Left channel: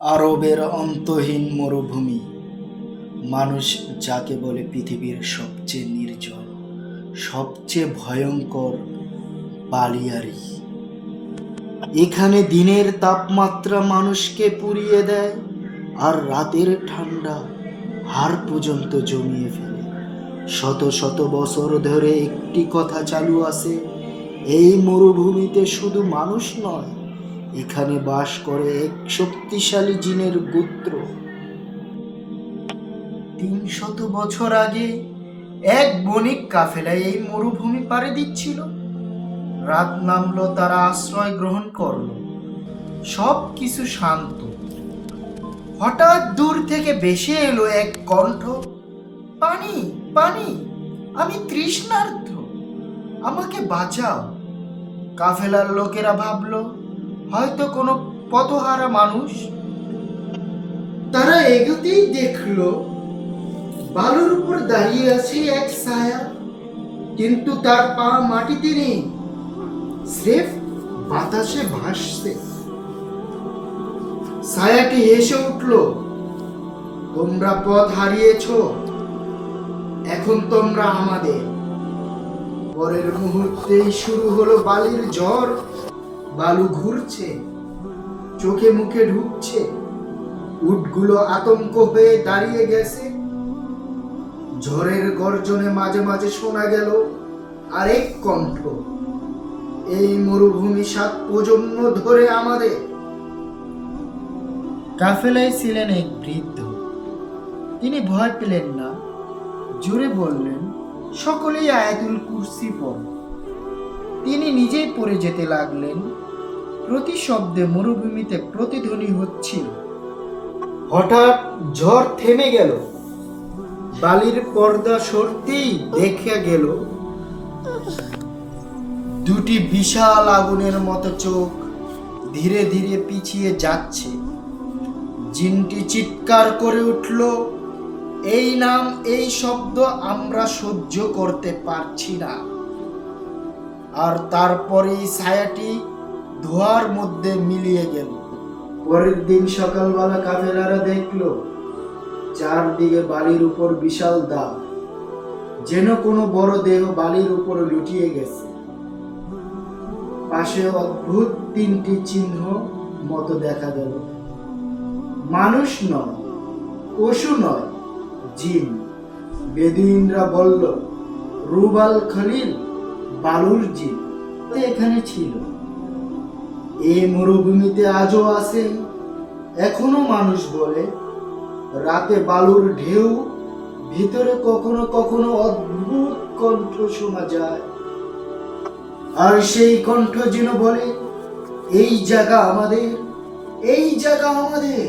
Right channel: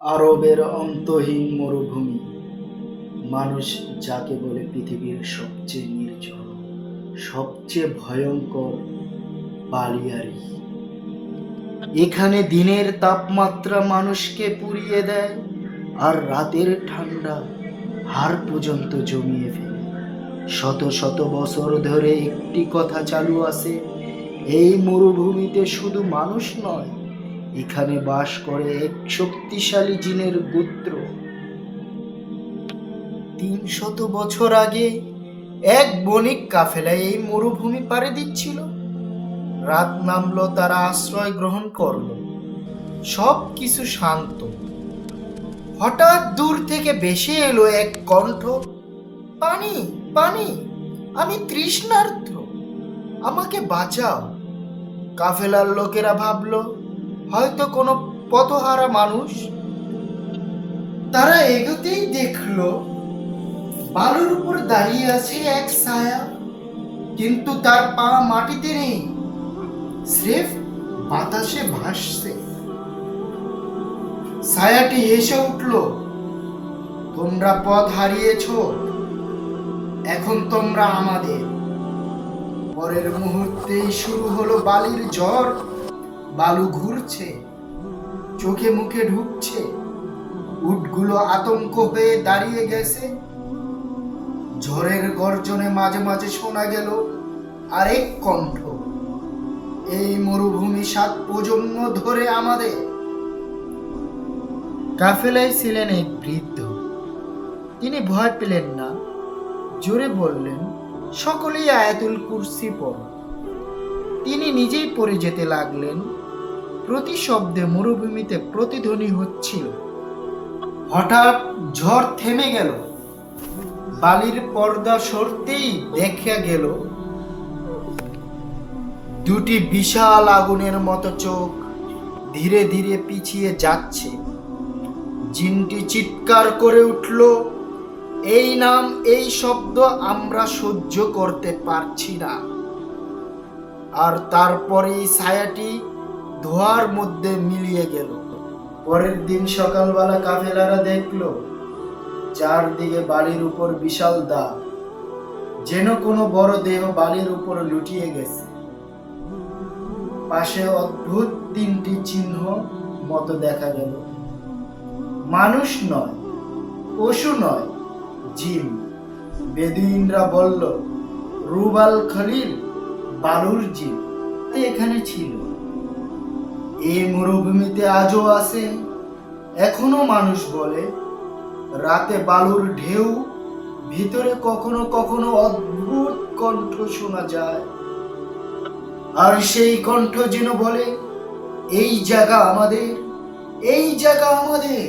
আরবের অন্তহীন মরুভূমি, মানুষ যাকে বলে পৃথিবীর সবচেয়ে নির্জন, সবচেয়ে ভয়ঙ্কর বালিয়াড়ি। এখানে দিনের তাপমাত্রা মানুষকে পুড়িয়ে দেয়, আর রাতের ঠান্ডা হাড় পর্যন্ত জমিয়ে ফেলে। শত শত বছর ধরে একটি কথা চালু আছে, এই মরুভূমিতে শুধু মানুষ নয়, এখানে বাস করে এক শক্তিশালী জিনের গোত্র। ৩০০ বছর আগে এক বণিক কাফেলা এই মরুভূমি পাড়ি দিচ্ছিল। রাত নামলো, তারা আশ্রয় গ্রহণ করলো। সব কিছু শান্ত। হঠাৎ দূর থেকে ভেসে এলো এক কণ্ঠ, পানি, পানি, আমি তৃষ্ণার্ত, আমাকে বাঁচাও। কাফেলার লোকেরা ভাবলো হয়তো কোনো পথহারা মানুষ। তারা এগোতেই দেখলো বালুর উপর দাঁড়িয়ে আছে এক ছায়া, কিন্তু তার পা মাটিতে নেই, স্রেফ বাতাসে ভাসছে। ছায়াটি হেসে উঠল, তোমরা পথ হারিয়েছো, এখন তোমরা আমাদের। পরের মুহূর্তেই শুরু হলো বালির ঝড়। বালু ঘুরছে, চোখে মুখে ঢুকছে। উটগুলো আতঙ্ক হয়ে দাঁড়িয়ে গেছে। ঝড়ের গর্জনে মাঝে মাঝে শোনা গেল আরেক কণ্ঠ, এই মরুভূমি 7 প্রজন্ম ধরে আমাদের। কাফেলায় ছিলেন এক বৃদ্ধ। তিনি ভয় পেলেন না, জোরে বললেন, সকলেই আয়াতুল কুরসি পড়ো। তিনি নিজেই পড়ে যেতে লাগলেন। প্রতি শব্দে মরুভূমিতে প্রতিধ্বনি হচ্ছিল। হঠাৎ ঝড় থেমে গেল। বালির পর্দা সরতেই দেখা গেল দুটি বিশাল আগুনের মতো চোখ ধীরে ধীরে পিছিয়ে যাচ্ছে। জিনটি চিৎকার করে উঠল, এই নাম, এই শব্দ আমরা সহ্য করতে পারছি না। আর তারপরেই ছায়াটি ধোঁয়ার মধ্যে মিলিয়ে গেল। পরের দিন সকালবেলা কাফেলারা দেখল চারদিকে বালির উপর বিশাল দাগ, যেন কোনো বড় দেহ বালির উপর লুটিয়ে গেছে। পাশে অদ্ভুত 3টি চিহ্ন মতো দেখা গেল। মানুষ নয়, পশু নয়, জিন। বেদুইনরা বলল, রুবাল খলিল, বালুর জিন এখানে ছিল। এই মরুভূমিতে আজও আছে। এখনো মানুষ বলে, রাতে বালুর ঢেউ, ভিতরে কখনো কখনো অদ্ভুত কণ্ঠ শোনা যায়। আর সেই কণ্ঠ যেন বলে, এই জায়গা আমাদের, এই জায়গা আমাদের।